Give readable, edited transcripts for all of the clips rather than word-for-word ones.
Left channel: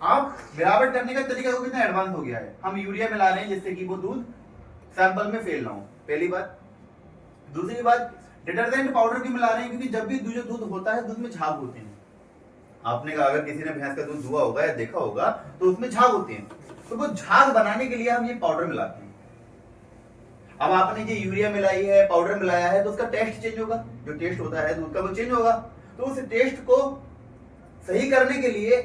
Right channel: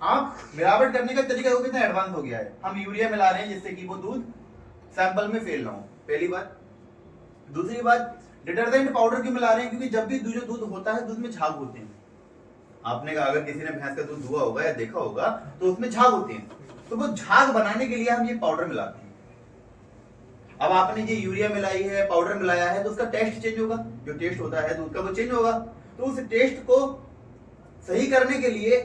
आप मिलावट करने का तरीका वो कितना एडवांस हो गया है। हम यूरिया मिला रहे हैं जिससे कि वो दूध सैंपल में फेल ना हो, पहली बात। दूसरी बात, डिटर्जेंट पाउडर क्यों मिला रहे हैं, क्योंकि जब भी जो दूध होता है दूध में झाग होते हैं। आपने कहा अगर किसी ने भैंस का दूध दुआ होगा या देखा होगा तो उसमें झाग होते हैं, तो वो झाग बनाने के लिए हम ये पाउडर मिलाते हैं। अब आपने ये यूरिया मिलाई है, पाउडर मिलाया है, तो उसका टेस्ट चेंज होगा, जो टेस्ट होता है दूध का वो चेंज होगा। तो उस टेस्ट को सही करने के लिए,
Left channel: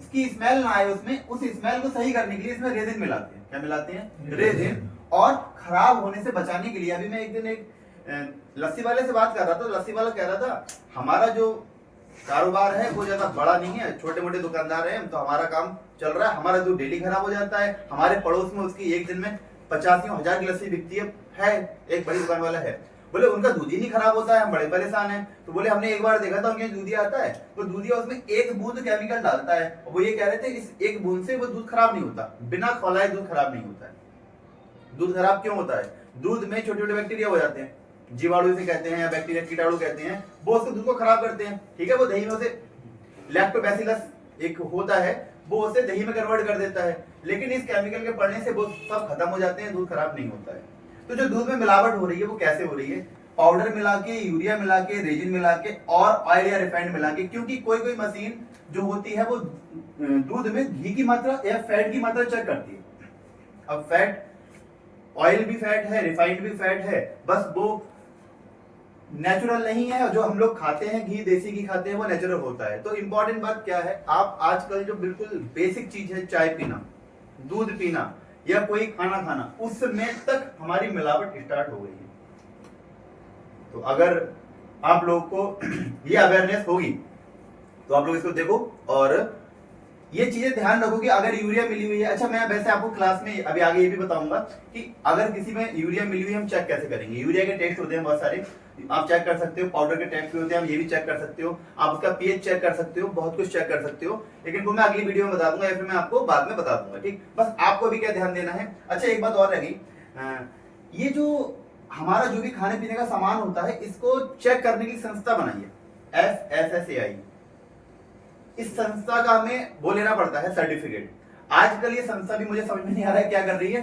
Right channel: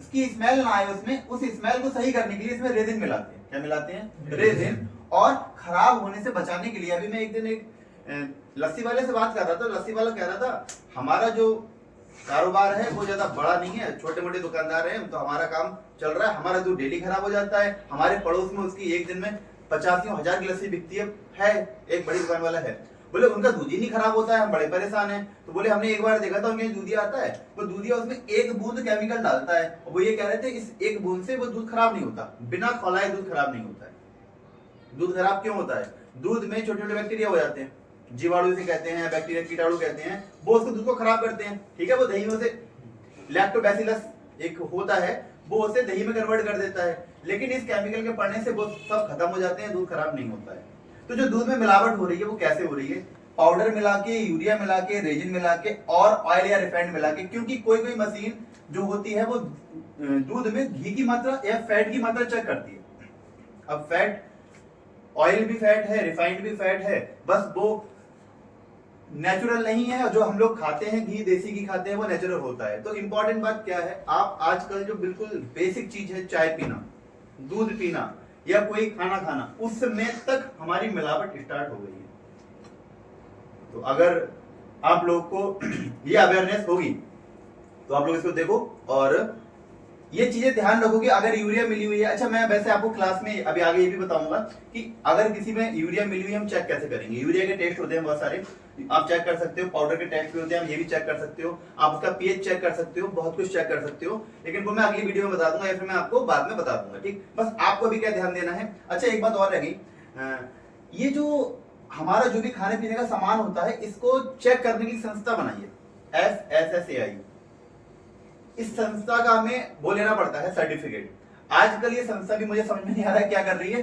उसकी स्मेल ना आए उसमें, उस स्मेल को सही करने के लिए इसमें रेजिन मिलाते हैं। क्या मिलाते हैं? रेजिन। और खराब होने से बचाने के लिए, अभी मैं एक दिन एक लस्सी वाले से बात कर रहा था, लस्सी वाला कह रहा था हमारा जो कारोबार है वो ज्यादा बड़ा नहीं है, छोटे मोटे दुकानदार हैं, तो हमारा काम चल रहा है, हमारा दूध डेली खराब हो जाता है। हमारे पड़ोस में उसकी एक दिन में 85,000 की लस्सी बिकती है, एक बड़ी दुकान वाला है, बोले उनका दूध ही नहीं खराब होता है, हम बड़े परेशान हैं। तो बोले हमने एक बार देखा था उनके दूधिया आता है, वो दूधिया उसमें एक बूंद केमिकल डालता है, और वो ये कह रहे थे इस एक बूंद से वो दूध खराब नहीं होता, बिना खौलाए दूध खराब नहीं होता है। दूध खराब क्यों होता है? दूध में छोटे छोटे बैक्टीरिया हो जाते हैं, जीवाणु से कहते हैं या बैक्टीरिया कीटाणु कहते हैं, वो उसको दूध को खराब करते हैं। ठीक है, वो दही में से लैक्टोबैसिलस एक होता है, वो उसे दही में कन्वर्ट कर देता है, लेकिन इस केमिकल के पड़ने से वो सब खत्म हो जाते हैं, दूध खराब नहीं होता है। तो जो दूध में मिलावट हो रही है वो कैसे हो रही है? पाउडर मिला के, यूरिया मिला के, रेजिन मिला के और ऑयल या रिफाइंड मिला के। क्योंकि कोई कोई मशीन जो होती है वो दूध में घी की मात्रा या फैट की मात्रा चेक करती है। अब फैट, ऑयल भी फैट है, रिफाइंड भी फैट है, बस वो नेचुरल नहीं है। और जो हम लोग खाते हैं घी, देसी घी खाते हैं, वो नेचुरल होता है। तो इंपॉर्टेंट बात क्या है, आप आजकल जो बिल्कुल बेसिक चीज है, चाय पीना, दूध पीना या कोई खाना खाना, उसमें तक हमारी मिलावट स्टार्ट हो गई है। तो अगर आप लोग को ये अवेयरनेस होगी तो आप लोग इसको देखो और ये चीजें ध्यान रखो कि अगर यूरिया मिली हुई है। अच्छा, मैं वैसे आपको क्लास में अभी आगे ये भी बताऊंगा कि अगर किसी में यूरिया मिली हुई है हम चेक कैसे करेंगे। यूरिया के टेस्ट होते हैं बहुत सारे, आप चेक कर सकते हो, पाउडर के टेस्ट भी होते हैं, हम ये भी चेक कर सकते हो, आप उसका पीएच चेक कर सकते हो, बहुत कुछ चेक कर सकते हो, लेकिन वो मैं अगली वीडियो में बता दूंगा या फिर मैं आपको बाद में बता दूंगा। ठीक, बस आपको भी क्या ध्यान देना है। अच्छा, एक बात और रह गई, ये जो हमारा जो भी खाने पीने का सामान होता है, इसको चेक करने की संस्था बनाई है, FSSAI। इस संस्था का हमें वो लेना पड़ता है सर्टिफिकेट। आजकल ये संस्था भी मुझे समझ में नहीं आ रहा है क्या कर रही है।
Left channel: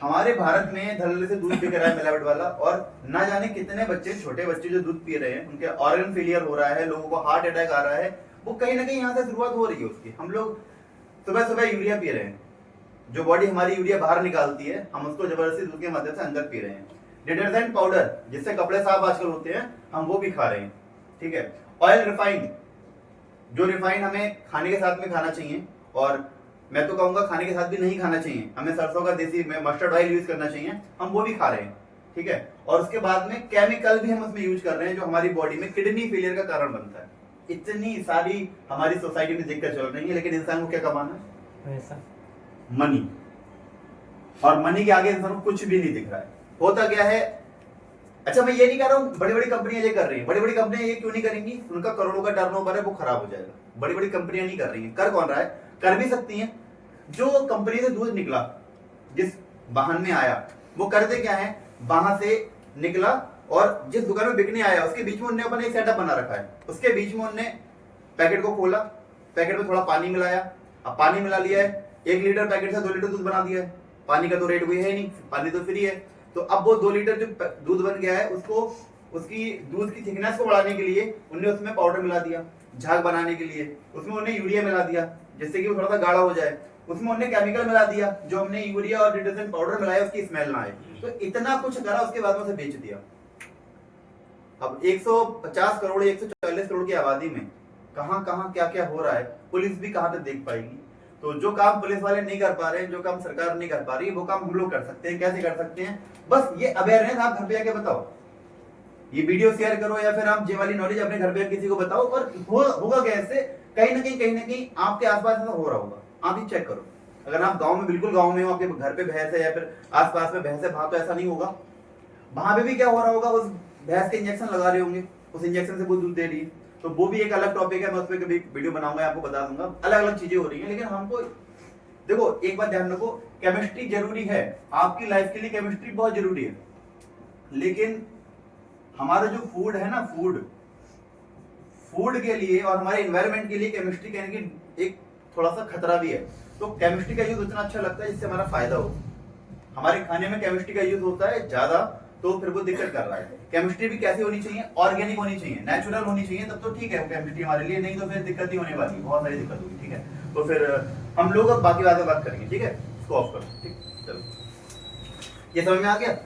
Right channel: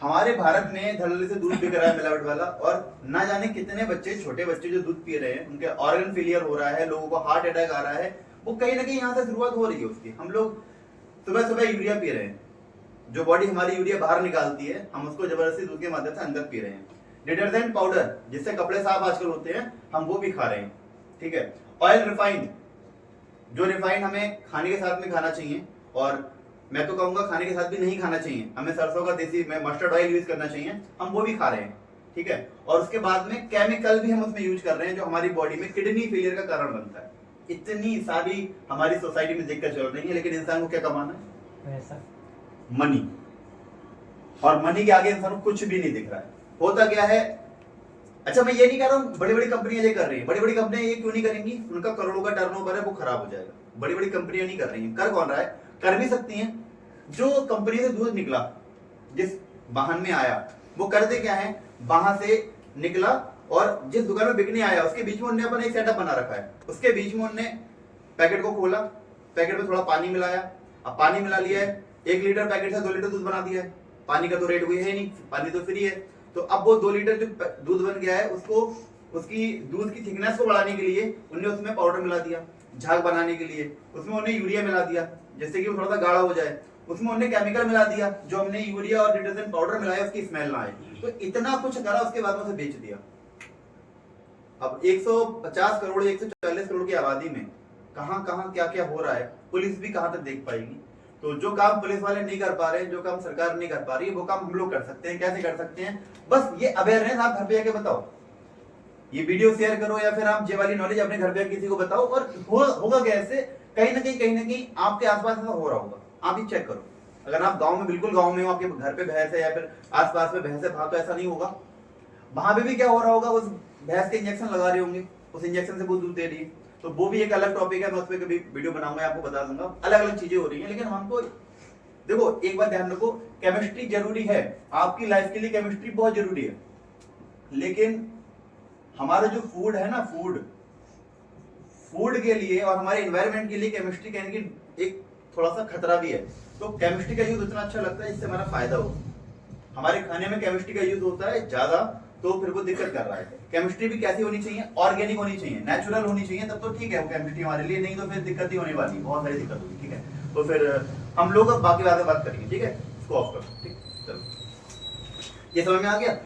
हमारे भारत में धड़ल्ले से दूध बिक रहा है मिलावट वाला, और ना जाने कितने बच्चे, छोटे बच्चे जो दूध पी रहे हैं, उनके ऑर्गन फेलियर हो रहा है, लोगों को हार्ट अटैक आ रहा है। वो कहीं ना कहीं यहाँ से शुरुआत हो रही है उसकी। हम लोग सुबह सुबह यूरिया पी रहे हैं, जो बॉडी हमारी यूरिया बाहर निकालती है, हम उसको जबरदस्ती दूध के माध्यम से अंदर पी रहे हैं। डिटर्जेंट पाउडर जिससे कपड़े साफ आजकल होते हैं, हम वो भी खा रहे हैं। ठीक है, ऑयल रिफाइंड, जो रिफाइंड हमें खाने के साथ में खाना चाहिए, और मैं तो कहूंगा खाने के साथ भी नहीं खाना चाहिए, हमें सरसों का देसी में मस्टर्ड ऑयल यूज करना चाहिए, हम वो भी खा रहे हैं। ठीक है, और उसके बाद में केमिकल भी हम उसमें यूज कर रहे हैं जो हमारी बॉडी में किडनी फेलियर का कारण बनता है। इतनी सारी हमारी सोसाइटी में दिक्कत चल रही है, लेकिन इंसान को क्या कमाना है? मनी। और मनी के आगे इंसान को कुछ भी नहीं दिख रहा है। होता क्या है, अच्छा मैं ये नहीं कह रहा हूँ बड़ी बड़ी कंपनियां ये कर रही है, बड़ी बड़ी कंपनियां ये क्यों नहीं करेंगी? उनका करोड़ों का टर्नओवर है, वो खराब हो जाएगा। बड़ी बड़ी कंपनियां नहीं कर रही हैं। कर कौन रहा है? कर भी सकती हैं। जो कंपनी से दूध निकला, जिस वाहन में आया, वो करते क्या है, वहां से निकला और जिस दुकान में बिकने आया उसके बीच में उन्होंने अपना एक सेटअप बना रखा है। उसके बीच में उन्होंने पैकेट को खोला, पैकेट में थोड़ा पानी मिलाया, अब पानी मिला लिया है, 1 लीटर पैकेट से 2 लीटर दूध बना दिया है। पानी का तो रेट कोई है ही नहीं, पानी तो फ्री है। तो अब वो 2 लीटर जो दूध बन गया है, उसको, उसकी दूध की थिकनेस को बढ़ाने के लिए उन्होंने उसमें पाउडर मिला दिया, झाग बनाने के लिए उसमें उन्होंने यूरिया मिला दिया जिससे कि वो थोड़ा सा गाढ़ा हो जाए, उसमें उन्होंने केमिकल मिला दिया, जो हमने यूरिया और डिटर्जेंट पाउडर मिलाया उसकी स्मेल ना आए। तो इतना कुछ करा, उसके बाद में उसे बेच दिया। अब 150 करोड़ 140 करोड़ की आबादी में कहां कहां क्या क्या हो रहा है, पुलिस भी कहां तक देख पाएगी? तो जो काम पुलिस वाले नहीं कर पा रहे हैं, जो काम सरकार नहीं कर पा रही है, वो काम हम लोग कर सकते हैं। कैसे कर सकते हैं? बस ये अवेयरनेस आप घर पे जाके बताओ, ये वीडियो शेयर करो, या फिर आप ये वाली नॉलेज अपने घर पे किसी को बताओ। और होगा कैसे, कहीं ना कहीं आपके आसपास ऐसा हो रहा होगा, आप ही चेक करो। अगर आप गांव में, बिल्कुल गांव में हो, आपके घर पे भैंस है या फिर आसपास में भैंस है, वहां तो ऐसा नहीं होगा। वहां पे भी क्या हो रहा होगा, उस भैंस के इंजेक्शन लगा रहे होंगे, उस इंजेक्शन से वो दूध दे रही है। तो वो भी एक अलग टॉपिक है, मैं उस पर कभी वीडियो बनाऊंगा, आपको बता दूंगा। अलग अलग चीजें हो रही है, लेकिन हमको देखो, एक बात ध्यान रखो, केमिस्ट्री जरूरी है, आपकी लाइफ के लिए केमिस्ट्री बहुत जरूरी है। लेकिन हमारा जो फूड है ना, फूड के लिए और हमारे एनवायरनमेंट के लिए केमिस्ट्री कहने की एक थोड़ा सा खतरा भी है। तो केमिस्ट्री का यूज उतना अच्छा लगता है जिससे हमारा फायदा हो। हमारे खाने में केमिस्ट्री का यूज होता है ज्यादा, तो फिर वो दिक्कत कर रहा है। केमिस्ट्री भी कैसी होनी चाहिए, ऑर्गेनिक होनी चाहिए, नेचुरल होनी चाहिए, तब तो ठीक है वो केमिस्ट्री हमारे लिए, नहीं तो फिर दिक्कत ही होने वाली है, बहुत सारी दिक्कत होगी। ठीक है, तो फिर हम लोग अब बाकी बातें बात करेंगे। ठीक है, इसको ऑफ करो। ठीक, चलो, ये समझ में आ गया।